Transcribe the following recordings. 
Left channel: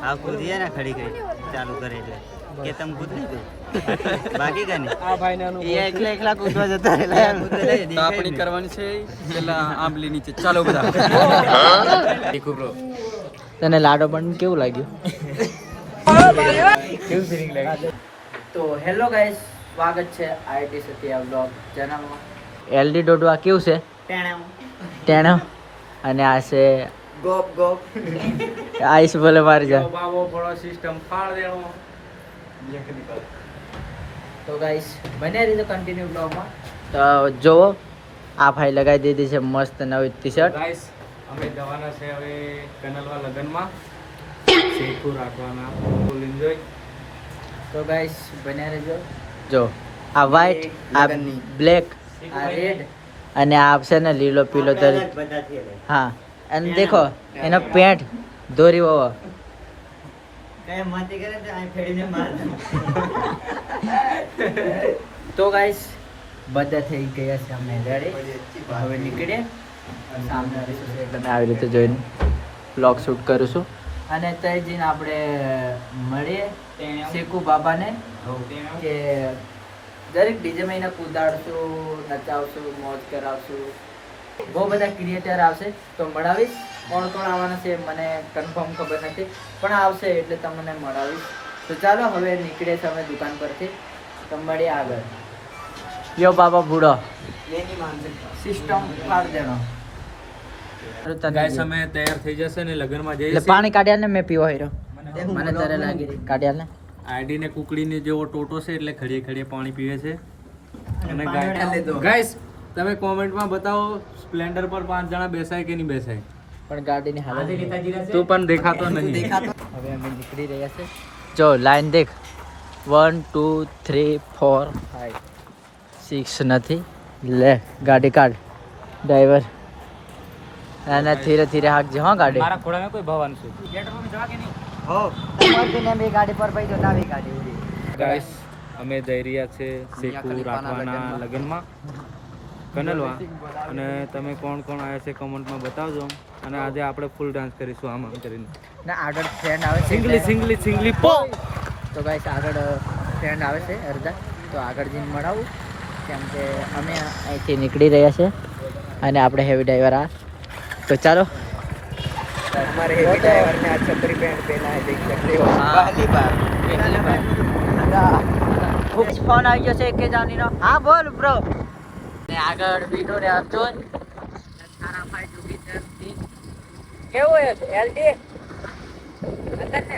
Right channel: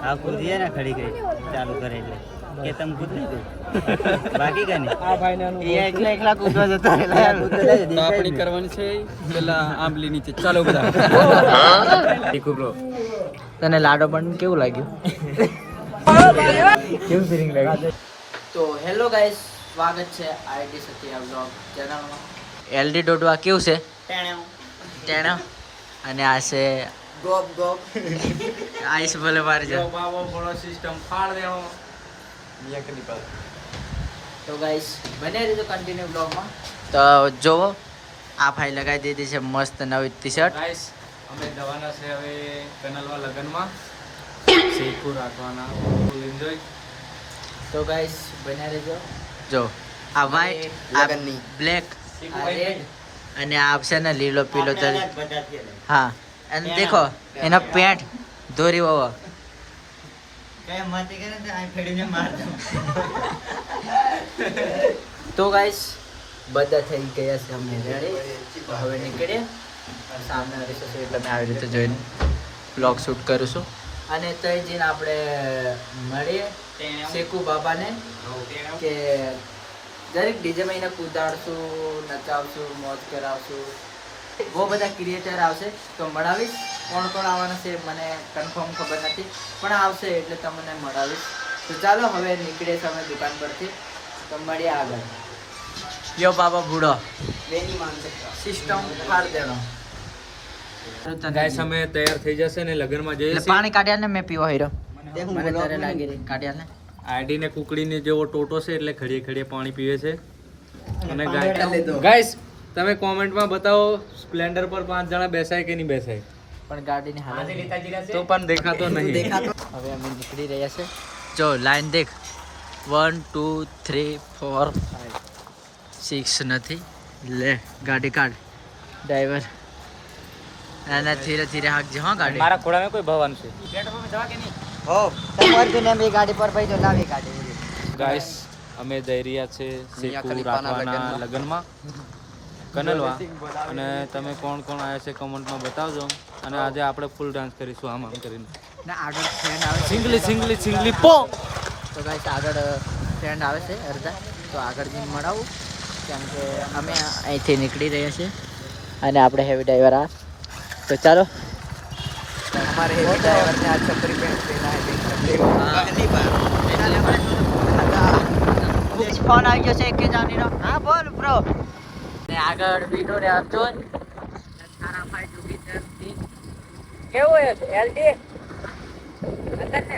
આ કૂદી है ना खड़ी गई चालू करे એટલે કે તમ કૂદ લીધું બાકી કાને આ ભાઈને એ એકલા એકલા કૂદવા જતા રહેલા કૂદે લે તો આપણી કરવાની છે પેલા આંબલી નીચે ચાલો બધા ઠીક બ્રો તને લાડો પણ કેવું લાગ્યું કેવું ફીલિંગ લાગ્યું તો હેલો ગાઈસ સ્વાગત છે આઈટી સત્યા વ્લોગ ચેનલમાં એલડી ડોડવા કેવું છે ટેણો અને આ છે ગોપ ગોપ આઈસ બોલે મારી જા બાબો ફળો સિસ્ટમ ફાડ દેણો તો ગાઈસ બને રહેજો કન્ટિન્યુ બ્લોગમાં તો જોવો આ ભાઈ લગાવી દીધી છે મસ્ત નવી ટી-શર્ટ ગાઈસ અમે જવાના છે હવે કનલવા લગનમાં શેકુ રાખવાના ફૂલ એન્જોય તો ગાઈસ બને રહેજો જો આ વ્હાઈટ આ બ્લેક આ રેડ અને આ છે ને લીલો પીલો તરી હા અને દેખો એનો પેન્ટ દોરી વાવો કઈ માતી કરે તો અહીં ફેડીને માર દઉં તો ગાઈસ બધા થઈ ગયા છે અમે રેડી હવે નીકળીએ સામે રસ્તો છે એટલે મેં આવી રીતે જોઈને બ્લોગ શૂટ કરું છું અને તઈ જઈને આપણે મળીએ શેકુ બાબાને કે દરેક ડીજેમાં એને કૂદાડશું નચાવશું મોજ કરાવશું બહુ બધા ક્રિએટર આવશે તો મળાવીશ કોણ કોણ આવવાના છે મને કન્ફર્મ ખબર નથી પણ આવશે એટલે તમને મળાવીશ તો ચાલો હવે નીકળીએ છીએ અમે દુકાન પરથી તો મળીએ આગળ યો બાબા બુડો સિસ્ટમ ફાડ દેણો ગાઈસ અમે તૈયાર થઈ જશે ને લગનમાં જઈએ એટલે પાણી કાઢ્યા ને મેં પીવો હીરો મને તારે લાગી રહી કાઢ્યા ને આઈડી ને કુકડીને જેવો ટોટો છે એટલે ખડીએ ખડીએ પાણી પીવે છે અને ગાઈસ તમે કોમેન્ટમાં બતાવો સ્પ્લેન્ડર પર 5 જણા બેસાય કે નહીં બેસાય પણ ગાડીની હાલત તો પણ દેખાતો નહીં હવે અમે નીકળી રહ્યા છે જો લાઈન દેખ 1 2 3 4 5 6 નથી લે ગાડી કાઢ ડ્રાઈવર અને ધીરે ધીરે હાકજે હા ગાડી મારા ખોડામાં કોઈ ભવન છે હો તમાર બિને મે ગાડી પર પૈ તો જાવી ગાડી ગાઈસ અમે જઈ રહ્યા છે શેકુ રાખવાના લગનમાં કનલવા અને તમે કોણ કોણ આવ્યા છે કમેન્ટમાં બતાવજો અને આજે આપણે ફૂલ ડાન્સ કરીશું આમ કરીને ના આગળ ફ્રેન્ડ આવે છે સિંગલી સિંગલી સિંગલી પો તો ગાઈસ આગળ ફ્રેન્ડ આવે છે અડધા તો આગળ જઈને મળાવું કેમ કે અમે અહીંથી નીકળી રહ્યા છે અને આપણે હેવી ડ્રાઈવર આ તો ચાલો हमारे हेवी ड्राइवर ने आज छतरी पहन पहना है देख सकते हो बाजी बार ફોન આવી ગયો છે કે જાની નો હા બોલ બ્રો ને આગળ બીટો રે અર્જુન સારા ભાઈ જુગી છે કેવું છે એલડી અંદર ને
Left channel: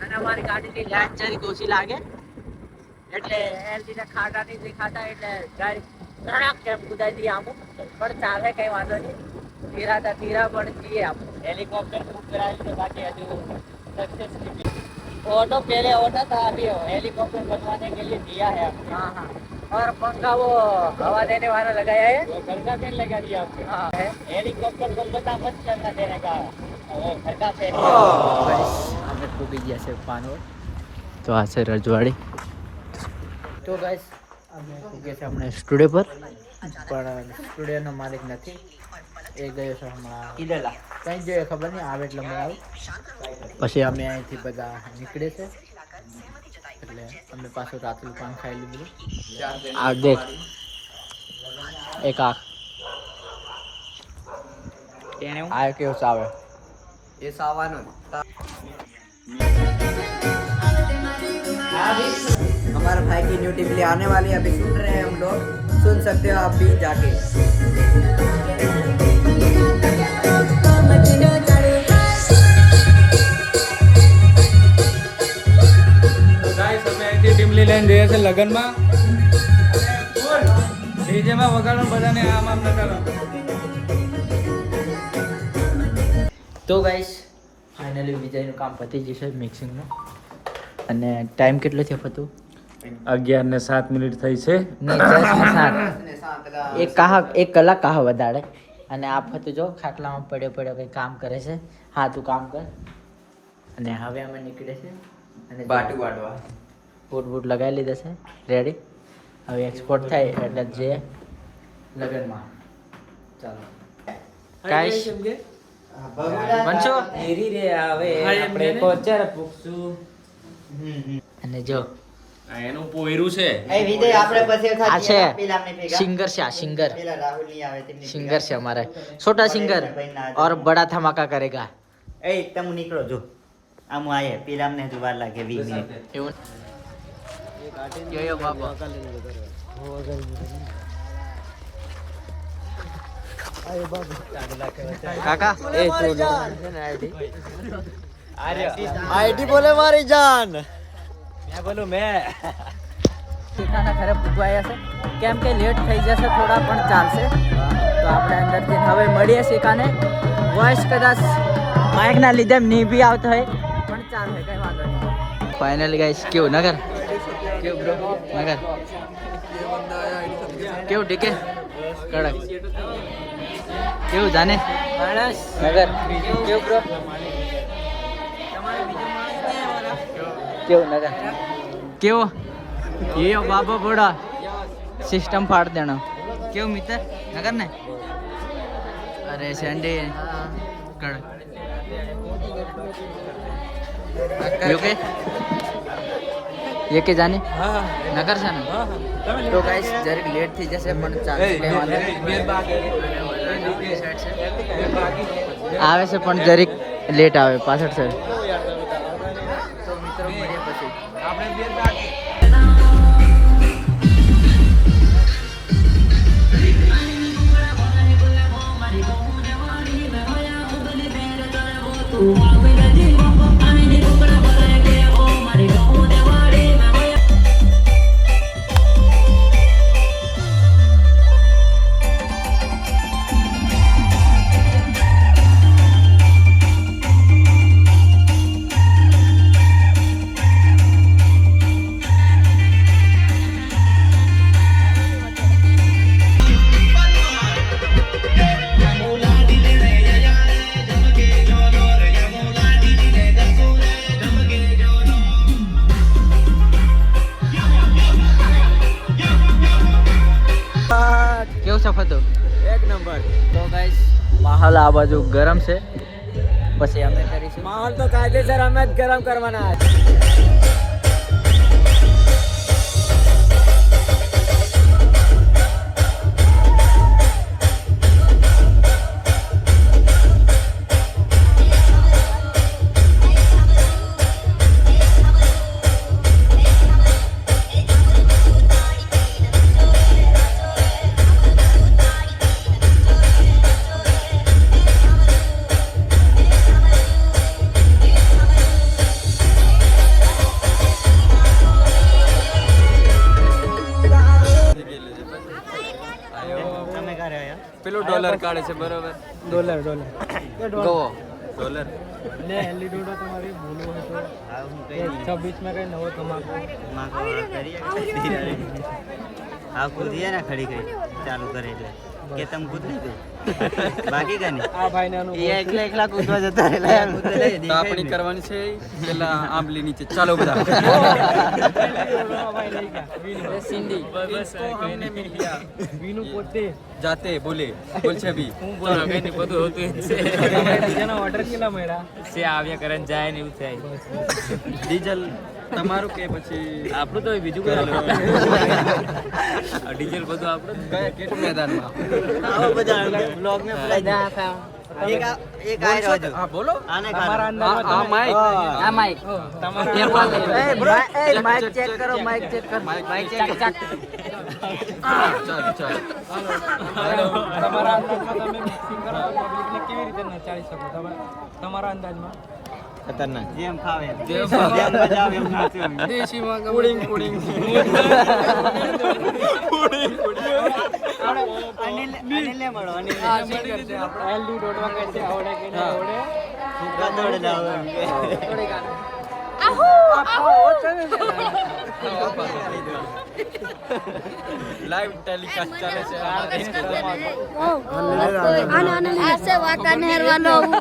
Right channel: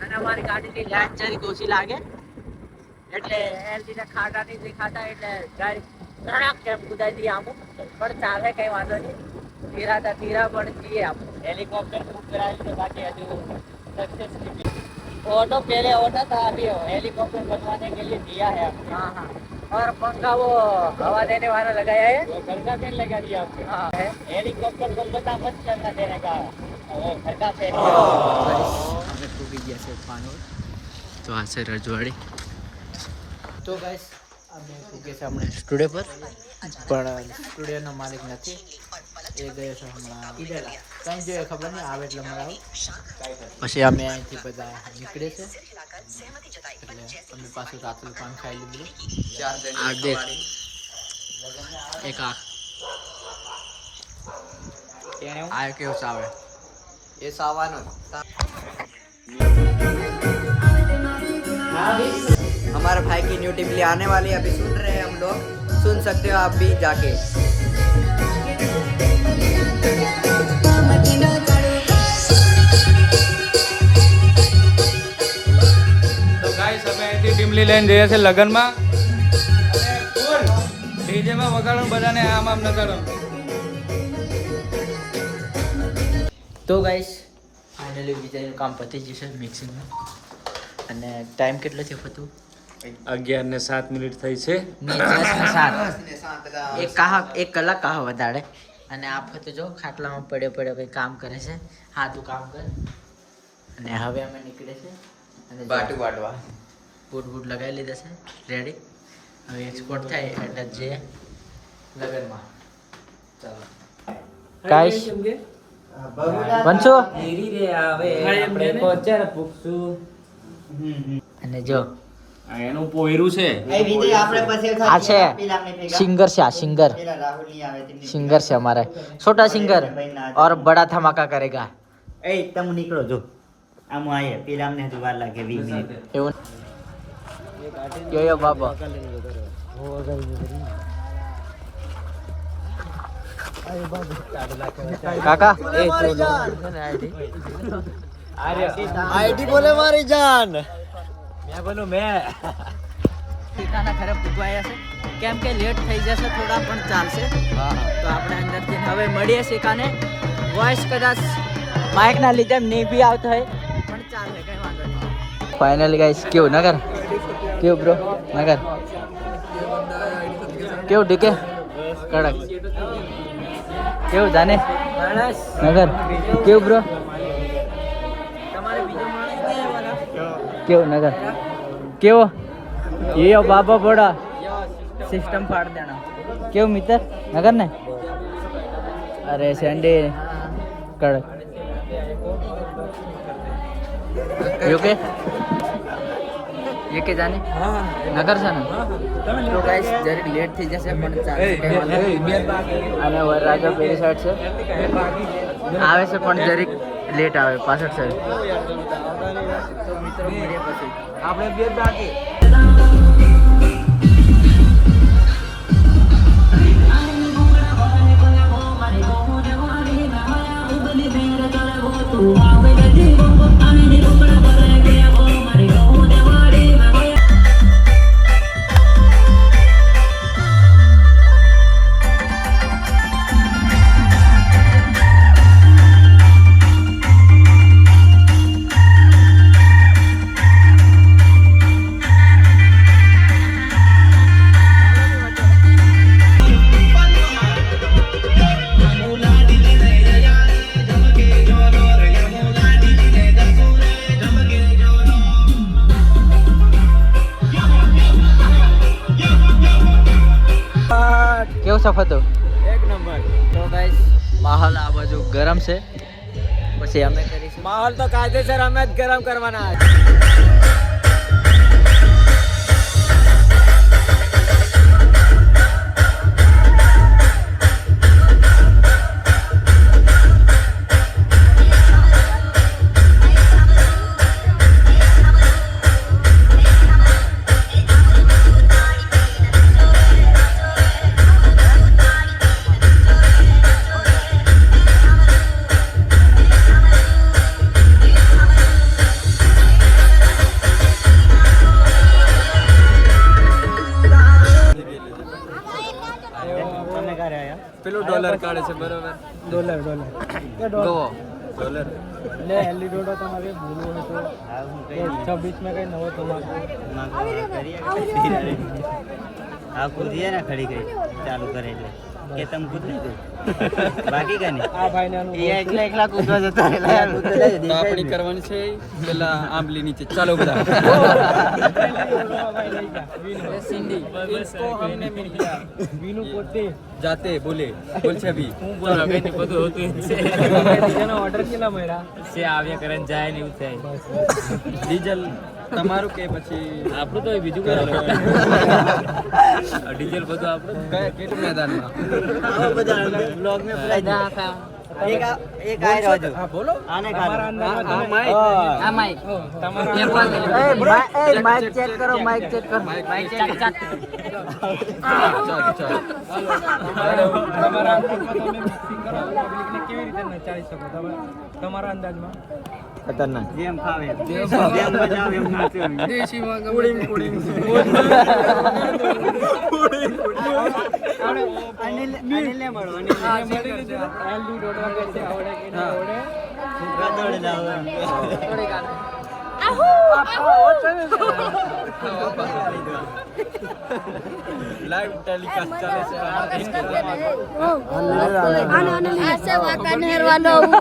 અને અમારી ગાડીની લાઈટ જરી ઓછી લાગે એટલે એલડી ને ખાડા નહીં દેખાતા એટલે ગાડી ધડાક કેમ કુદાઈ દી આમ પણ ચાલે કઈ વાંધો નહીં ધીરા પણ જઈએ આપ हेलीकॉप्टर बुक कराया तो बाकी अभी सक्सेसफुली ऑटो पहले ऑटो था अभी हेलीकॉप्टर बनवाने के लिए दिया है हाँ हाँ और पंखा वो हवा देने वाला लगाया है वो घर का पेड़ लगा दिया आपको हाँ है हेलीकॉप्टर को पता मत चलना देने का वो घर का पेड़ हमें खूबी जैसे पानोड तो आ से रजवाड़ी तो गाइस અમે ફૂગે છે હમણાં સ્ટુડિયો પર પણ સ્ટુડિયોનો માલિક નથી એ ગયો છે હમણાં કંઈ જોઈએ ખબર નહીં આવે એટલે મળાવું પછી અમે અહીંથી બધા નીકળે છે એટલે અમે પાછું રાતનું પાન ખાઈ લીધું આ દેખ એક આંખ આ કેવું ચાવે એ સાવાનું हमारे भाई की न्यू टिपली आने वाली है अभी सुन रहे हैं हम लोग सुन सकते हो आप भी जाके તો ગાઈસ અમે અહીંથી ટીમલી લઈને જઈએ છે લગનમાં ડીજેમાં વગાડો બધાને આમ આમ નચાડો તો ગાઈસ ફાઇનલી વિજયનું કામ પતી જશે મિક્સિંગનું અને ટાઈમ કેટલો થયો ફતું 11:07 થઈ છે નહીં 10:07 એક કલાક કાહ વધારે અને આ ફતું જો ખાટલામાં પડ્યો કંઈ કામ કરે છે હા તું કામ કર અને હવે અમે નીકળે છે અને બાટુ વાટવા બૂટ લગાવી લીધા છે રેડી હવે એક્સપોર્ટ થાય એટલે જે લગનમાં ચાલો ગાઈસ બનશો ધીરી રે આવે આપણે પહોંચાડ પૂછું. અને જો એનું પોયરું છે. એ વિજય આપણે પછી આ છે પેલા આપણે ભેગા. સિંગર છે આ સિંગર પેલા રાહુલ નહીં આવે તેમની સિંગર છે हमारे छोटा सिंगर और बड़ा धमाका करेगा એ તમે નીકળો જો આમ આયે પેલા અમને હજુ વાર લાગે 20 મિનિટ. એવું યો બાબા કાકા આઈડી બોલે મારી જાન. ઠીકાના ઘરે પૂગવાયા છે કેમ કે લેટ થઈ જશે થોડા પણ ચાલશે તો આપણે અંદર જઈને હવે મળીએ શીખાને વોઇસ કદાચ માઇકના લીધે નહીં બી આવતો હોય પણ ચાલે કઈ વાંધો નહીં. ફાઇનલી ગાઈસ કેવું નગર કેવું બ્રો નગર કેવું ટીકે કડક કેવું જાને નગર કેવું બ્રો તમારે બીજો માણસ નહીં આવવાના કેવું નગર કેવો ये बाबा बड़ा सिस्टम फाड़ देना क्यों मित्र नगर ने अरे संडे कड़क ओके ये के जाने नगर से ना तो गाइस जरीक लेट थी जैसे पण चालશે કઈ વાંધો નહીં. અને વરરાજા પેલી સાઈડ છે આવે છે પણ જરીક લેટ આવે પાછળ સાઈડ તો મિત્રો મળીએ પછી આપણે બે બાકી કેવું સફર હતું એક નંબર. તો ગાઈસ માહોલ આ બાજુ ગરમ છે પછી અમે કરીશું માહોલ તો કાયદેસર અમે જ ગરમ કરવાના. તમે ક્યારે આયા? પેલું ડોલર કાઢે છે બરોબર. ડોલર લે એલી ડોડો તમારે બોલવો હોય તો હા હું કઈ 26 में कहीं नवो तुम्हारे માંગો કરીએ કે હા કૂદીએ ને ખડી ગઈ ચાલુ કરે એટલે કે તમે કૂદ નહીં દે બાકી કા નહીં આ ભાઈને આનું એ એકલા એકલા કૂદવા જતા રહેલા યાર કૂદે લે તો આપણી કરવાની છે પેલા આંબલી નીચે ચાલો બધા સિંધી इसको हमने मिल गया वीनू पोते जाते बोले बोल છે અભી હું બોલો કે ની બધું હોતું છે બીજાનો ઓર્ડર કેટલા મળ્યા છે આવ્યા કરે જાય ને એવું થાય. ડીઝલ તમારું કે પછી આપણું તો બીજું કઈ ડીઝલ બધું આપણું કયા કેટલું મેદાનમાં આવો બધા બ્લોગ મે ભરાઈ જાય એક આ રહ્યો જો હા બોલો આને તમારા કાઢો અંદાજમાં માઈક આ માઈક તમારા માઈક ચેક કરો માઈક ચેક કરો માઈક ચેક ચાલો ચાલો તમારા અંદાજમાં તમે મિક્સિંગ કરો તો પબ્લિકને કેવી રીતે નચાડી શકો તમે તમારા અંદાજમાં ખતરનાક જેમ ફાવે જેમ મજા આવે એમ નાચ્યો દેશીમાં પુડિંગ પુડિંગ અનિલ મળો અનિલ એલડી ડોટવા કે છે આવડે કે નહીં આવડે દોડે જાવ લાઈવ ટેલિકાસ્ટ ચાલે છે ऐसे वाका नहर वाला हूँ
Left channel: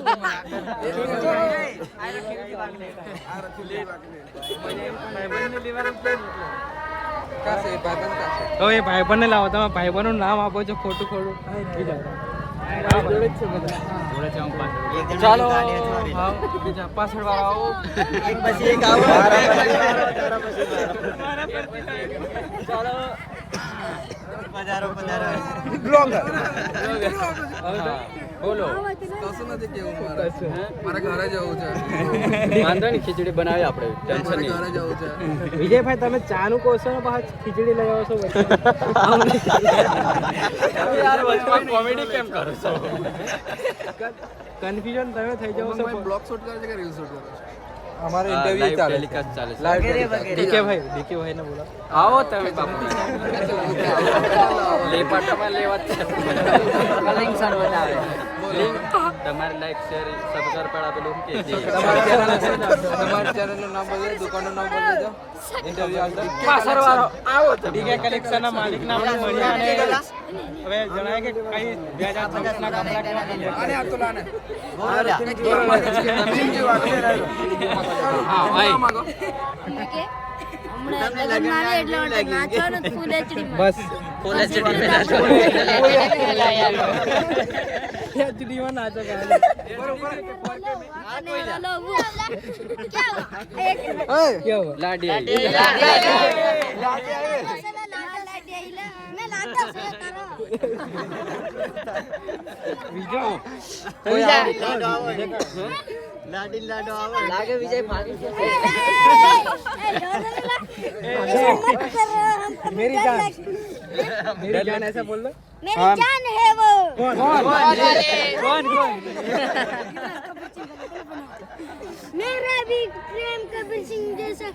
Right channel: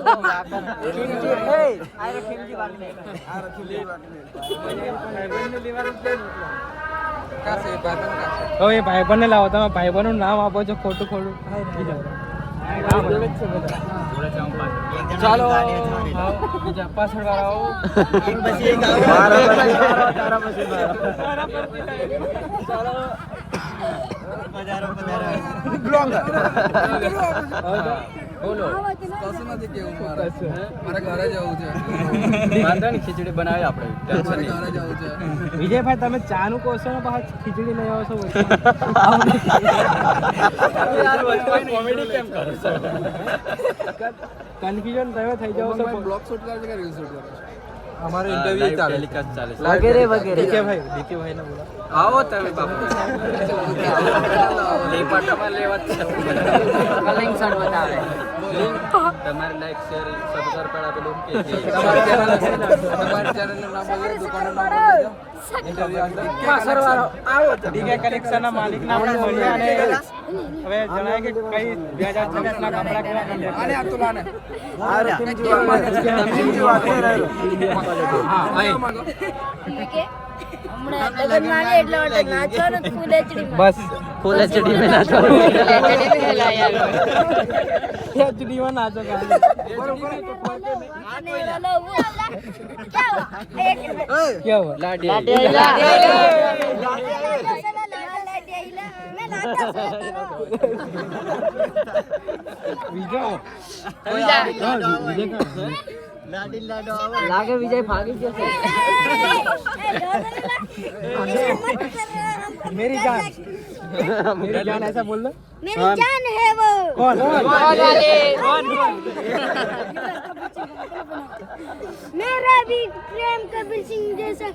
હવે ભાઈબંધને લાવો તમે ભાઈબંધનું નામ આપો છો ખોટું ખોટું એક જણ ચાલો ગાડી અથડાવી લે. આવો, બીજા પાછળ વાળા આવો. એક પછી એક આવો. ચાલો પધારો પધારો. બોલો. કશું નથી કેવું મારે ઘરે જવું છે. વાંધો નહીં, ખીચડી બનાવી આપણે, ટેન્શન નહીં. ઘરે જવું છે. વિજયભાઈ તમે ચા નું કહો છો ને પાછા ખીચડી લઈ આવો છો. કોમેડી કેમ કરો છો? કન્ફ્યુઝન તમે થઈ જાવ છો. બ્લોગ શૂટ કરે છે કે રીલ શૂટ કરે છે? અમારો ઇન્ટરવ્યુ ચાલે ટેલિકાસ્ટ ચાલે છે. વગેરે વગેરે. ડીકે ભાઈ ને બોલા. આવો તમે લેપાટામાં લેવા તમારે લાઈક શેર સબસ્ક્રાઇબ પર આપેલું કે તમારા ચેનલ નું નામ બોલો, દુકાનનું નામ બોલો. પાછળ વાળો આવો તો ડીકે કલેક્શન ના માલિક ના આપણે મળ્યા અને હવે જણાય કે કઈ 2026 ના કપડા કેવા મળ્યા. આને આ તો લાને હમણાં લગ્નમાં આવે એટલે માટે નાચો ને ફૂલ એચડીમાં. બસ એચડીમાં નાચો ખાલી. બરોબર અને ઓલો क्या हुआ लाडी બીજો લાડી લાડો આવો. લાગે વિજય ફાવી જશે. मेरी जान ऐसा बोल दो मेरी जान है वो. कौन मेरा भी प्रेम कबीर सिंह जैसा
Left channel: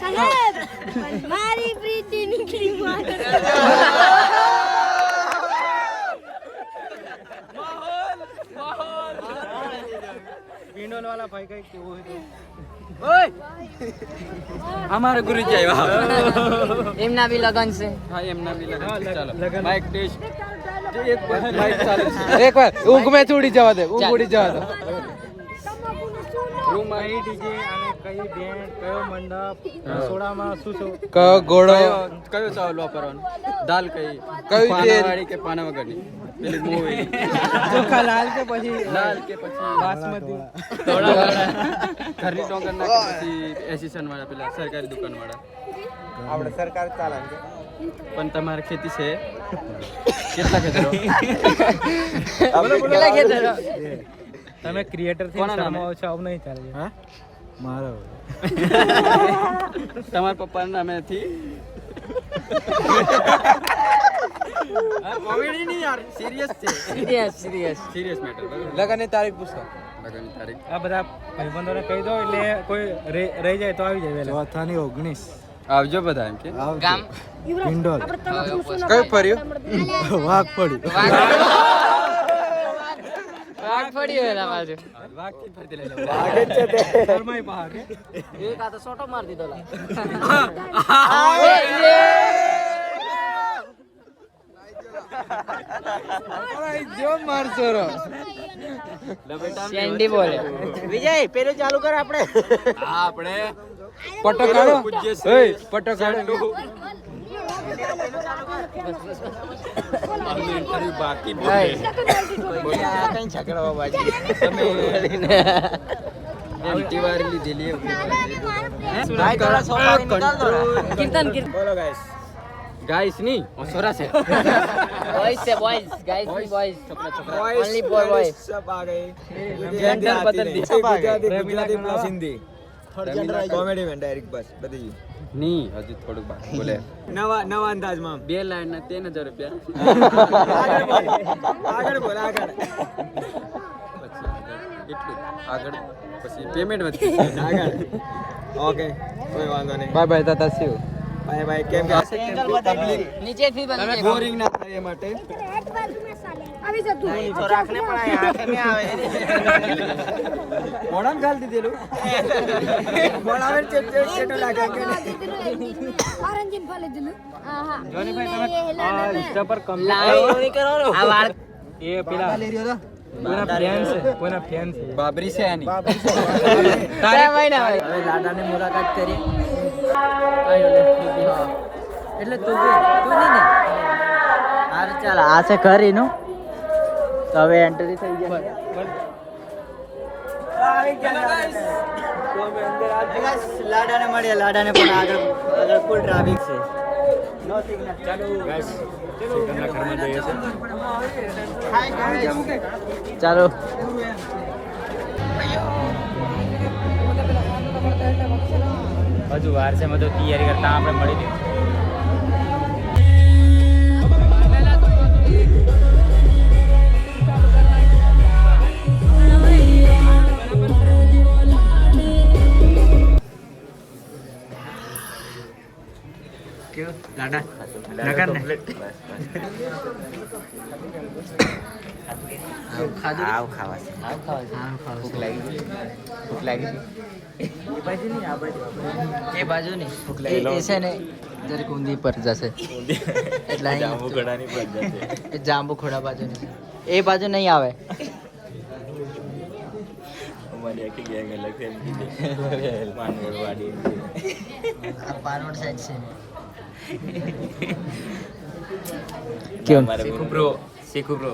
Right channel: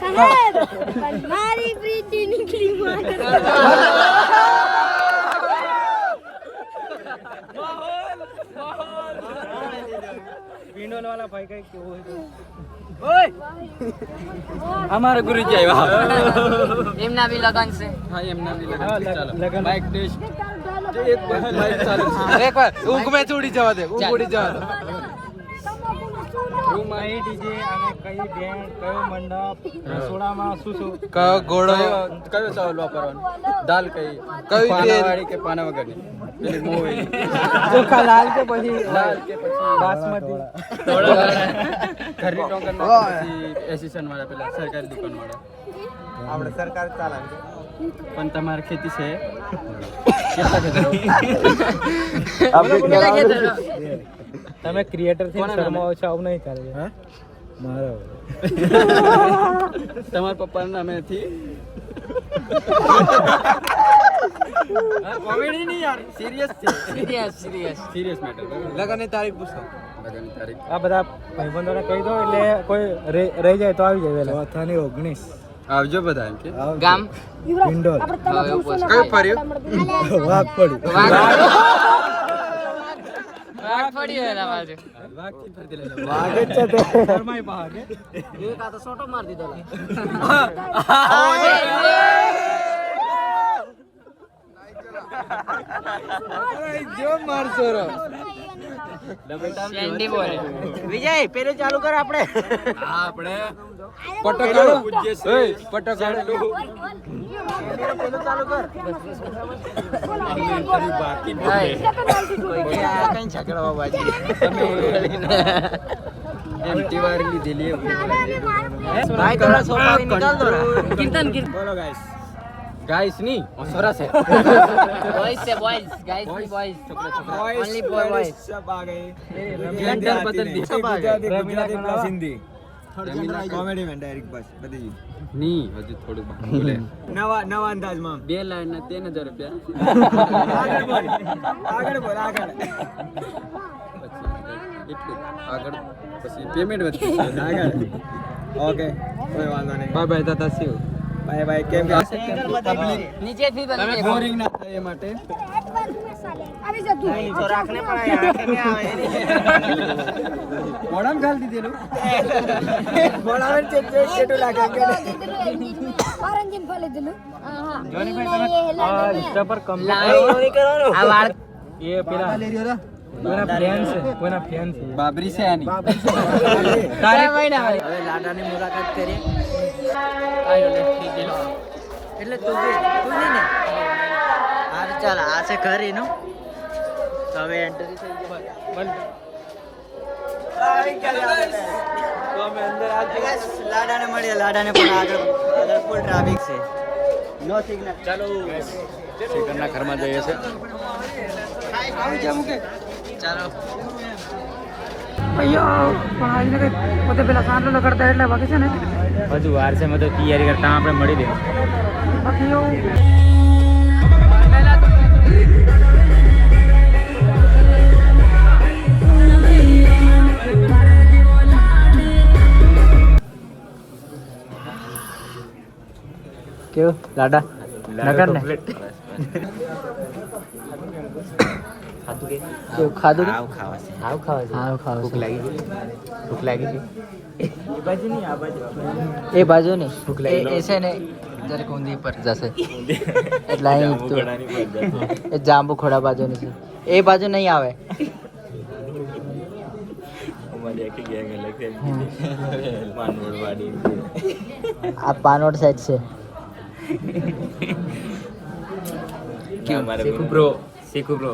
साहब पर मारी प्रीति निकली माता. पिंडोल वाला भाई का क्यों है तो हमारे गुरुजी આવ્યા એમના બી લગન છે. હા એમના બી લગન માઈક ટેસ્ટ એક માઈક ચાલુ છે એક વાર ઊંઘ મે છોડી જવા દે ઊંઘ ઉડી જવા દે રૂમ કઈ ડીજે અને કઈ બેન્ડ કયો મંડપ રસોડામાં શું શું કયો ઘોડો કયો ચાવલ વાપરવાનો દાલ કઈ પાનાવાળી કે પાના વગરની પેલી મોવી ચોખા લાલ કે પછી બાસમતી ઘરની ટોકન ના કે પછી એસિસ્ટન્ટ વાળા પેલા સરકારી દુકાન વાળા આપણે સરકાર ચાલે પણ તમારે ખેતી છે કેટલા ખેતરો બોલો બોલો ખેતરો તમે ક્રિએટર થી શર્માવો છો આવું નહીં ચાલે હા મારો તમારા પપ્પાના નામેથી કોમેડી નહીં યાર સિરિયસ છે સિરિયસ મેટર લગનની તારીખ પૂછો લગનની તારીખ આ બધા ભાઈબંધોને કહી દો એટલે કોઈ રહી જાય તો આવી જાય વહેલા ચોથાની 19 આવજો બધા એમ કે ગામ પિંડોલ કઈ ફર્યું વાઘ પડ્યું વાઘ પડી વેલા મારે. વાઘ થી ફરતી લઈ જાવ શર્માઈ પા કે એક આ તો સોટો માર દીધો લા. જો માર છોરો સેન્ડી બોલે. વિજય પેલું ચાલુ કર આપણે. આપણે પટકાડો એ પટકાડો પેલું ચાલુ કર. ઇન્ટરવ્યુ બાકી બોલે કોઈ કે આ કઈ છકડવા બાજી. તમે એન્ટી વાર લીધેલી ભાઈ થોડા સોફા નિકાલ દો ના. કીર્તન બોલો ગાઈસ ની છોરા છે બોયઝ છે બોયઝ ગાઈસ ની બોયઝ છોકરા છોકરા ઓન્લી બોય सब आ गए जेंडर बदल दी. गुजराती प्लस हिंदी कॉमेडी में डायरेक्ट बस बदली नहीं हजू थोड़ू बोले नवा अंदाज में 2 लाइन ना 3000 रुपया આગળ બોલ એટલું આગળ પછી પેમેન્ટ વધી આગળ ઓકે કોઈ વાંધો નહીં બાય બાય તાતા સી બાય બાય કેમ કે નીચે થી તમે બની બોરિંગ ના થાય એ માટે આવી જા તું. તો રાખને પડાય આંખ ને આવે. મોડામ ગાલ દીધેલું મોડાવે ચેટો લાગે ઓરેન્જ ફાલે દિલું. હા હા. જોની ભાઈ તમે ઇન્સ્ટા પર લાઈવ નહીં કરવાનો. આ વાળ એ પેલા કોઈના ફેન છે બાબરી છે આની હવે લાડાની મુલાકાત કરીએ. આયો લે ઠીક હા. એટલે તું નહીં ને હાર ચાલ આ છે ઘર એનું તો હવે એન્ટ્રી થઈ જશે. લાડાને મળીએ. લાડાને પણ આગળ ફૂલ ટ્રાફિક છે. નો સિગ્નલ. સેકન્ડના ઘરમાં જઈએ છે. ચાલો હજુ વાર છે, મેં તો તૈયારી કરતા આપણે મળી દે. કેવું લાડા નગર ને કેવું ખાધું આવ ખાવા છે. હા ખાવ છે એ બાજુ ને એ છે ને જરીક ઊંધી પર જશે એટલે અહીં એ જાંબુ ખોડા બાજુની છે એ બાજુ નહીં આવે. આ પાનોડ સાઈડ છે. કેવું શીખું બ્રો.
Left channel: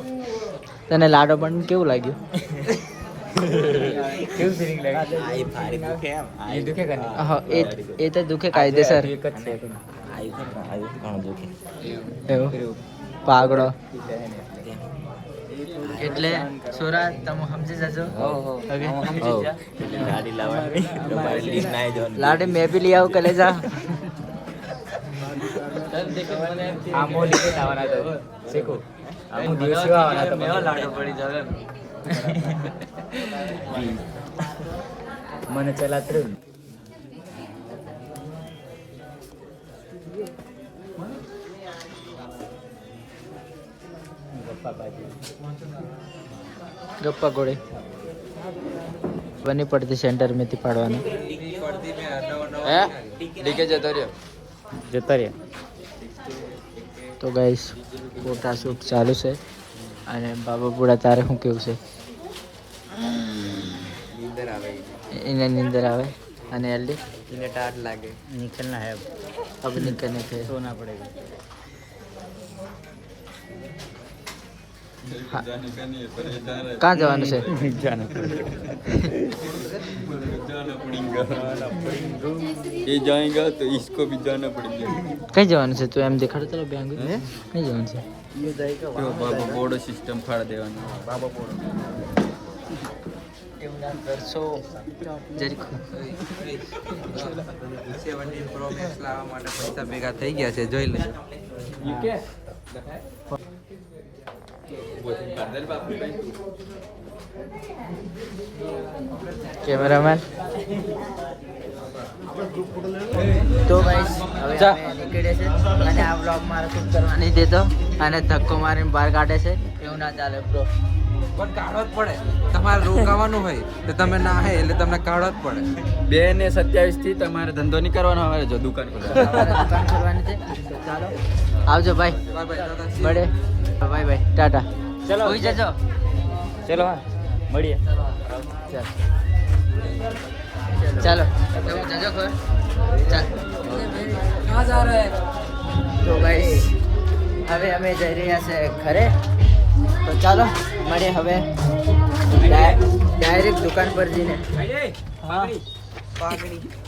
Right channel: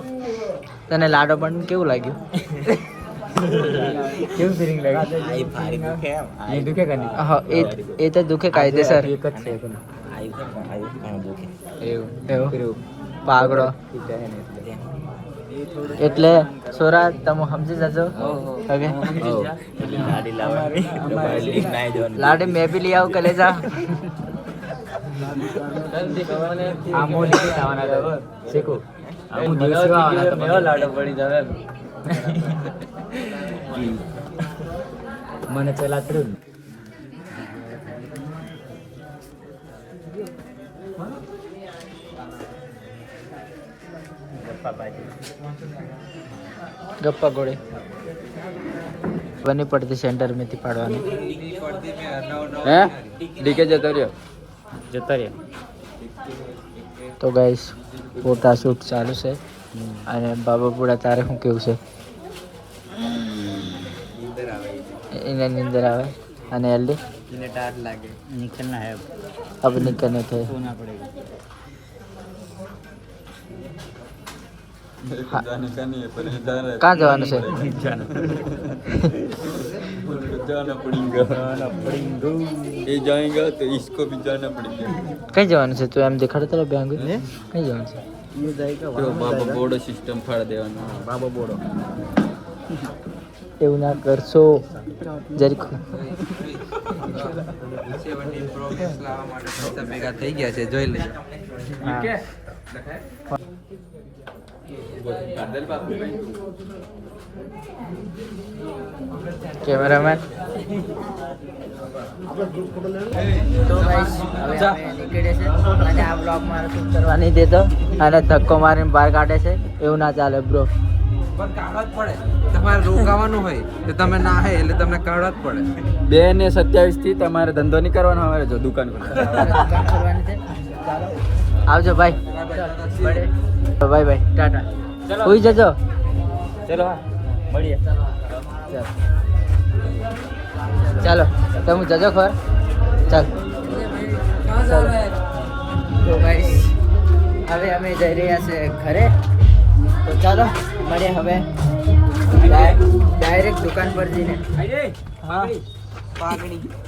તને લાડો પણ કેવું લાગ્યું? કેવું ફિલિંગ લાગી? આઈ ભારી દુખે એમ. એ દુખે કે નહીં? હા એ તો દુખે કાયદેસર. આઈ ઘણું દુખે. એવું પાગડો એટલે સોરા તમે સમજી જજો. ઓકે એટલે લાડી લાવવાની તમારે લીન ના જવાનું. લાડી મેં બી લઈ આવું કલેજા. મને ચલા થ્રુ ગપ્પા ગોળી બની પડતી સેન્ટર મેથી પાડવાની. હે ડીકે જતો રહ્યો. તો ગાઈસ ફોટા શૂટ ચાલુ છે અને બાબા બુડા તારે શું કેવું છે? એને નીંદર આવે અને એલડી इन्हें टाट लागे निकलना है अब निकलने थे. सोना पड़ेगा. कहाँ जवान से ये जाएगा तो इसको भी जाना पड़ेगा. कहीं जवान से तू एम दिखा तो बैंक कहीं जवान से જો બાબા બોર્ડ સિસ્ટમ ફાડ દેવાનો. બાબા બોર્ડ એવું ના કરશો જરીક. 17 પ્રો મેક્સ લાવવા માટે પૈસા ભેગા થઈ ગયા છે, જોઈ લે. કેમેરામેન તો ગાઈસ હવે અમે નીકળીએ છે અને આ બ્લોગ મારો શૂટ કરવા નહીં દેતો અને ધક્કો મારીને બહાર કાઢે છે. એવું ના ચાલે બ્રો. પણ કાઢવા જ પડે. તમારે રોકાવાનું હોય તો તમે ના હે એટલે તમને કાઢવા જ પડે. 2 ને 27 થી તમારે ધંધો નહીં કરવાનો. હવે જો દુકાન અમારે દુકાન ખોલવાની છે. તો ચાલો આવજો ભાઈ. બાય બાય દાદા. મળે બાય બાય ટાટા. હોઈ જજો. ચલો મળીએ. ચાલો તમે જજો ખબર. ચાલ તો ગાઈસ હવે અમે જઈ રહ્યા છે ઘરે. તો ચાલો મળીએ હવે ડાયરેક્ટ દુકાન પર જઈને. હા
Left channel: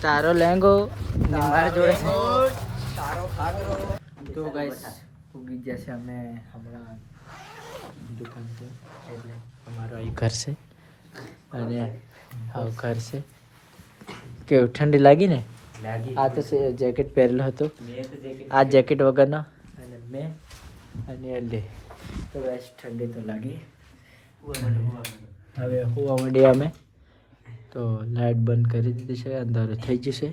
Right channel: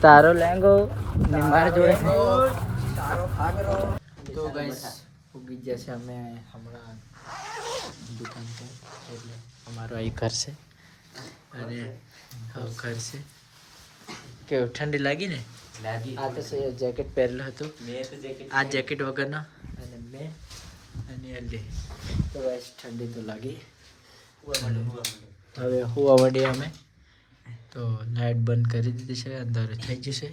તારો લેંગો ને મારા જોડે છે. તો ગાઈસ ઉગી જશે અમે હમણાં દુકાન પર. એટલે અમારું અહીં ઘર છે અને હા ઘર છે. કેવું ઠંડી લાગી ને? આ તો છે જેકેટ પહેરેલો હતો. આ જેકેટ વગરનો અને મેં અને એલ્ડે તો બસ ઠંડી તો લાગી. હવે હુવા મળીએ અમે. તો લાઇટ બંધ કરી દીધી છે, અંધારું થઈ જશે.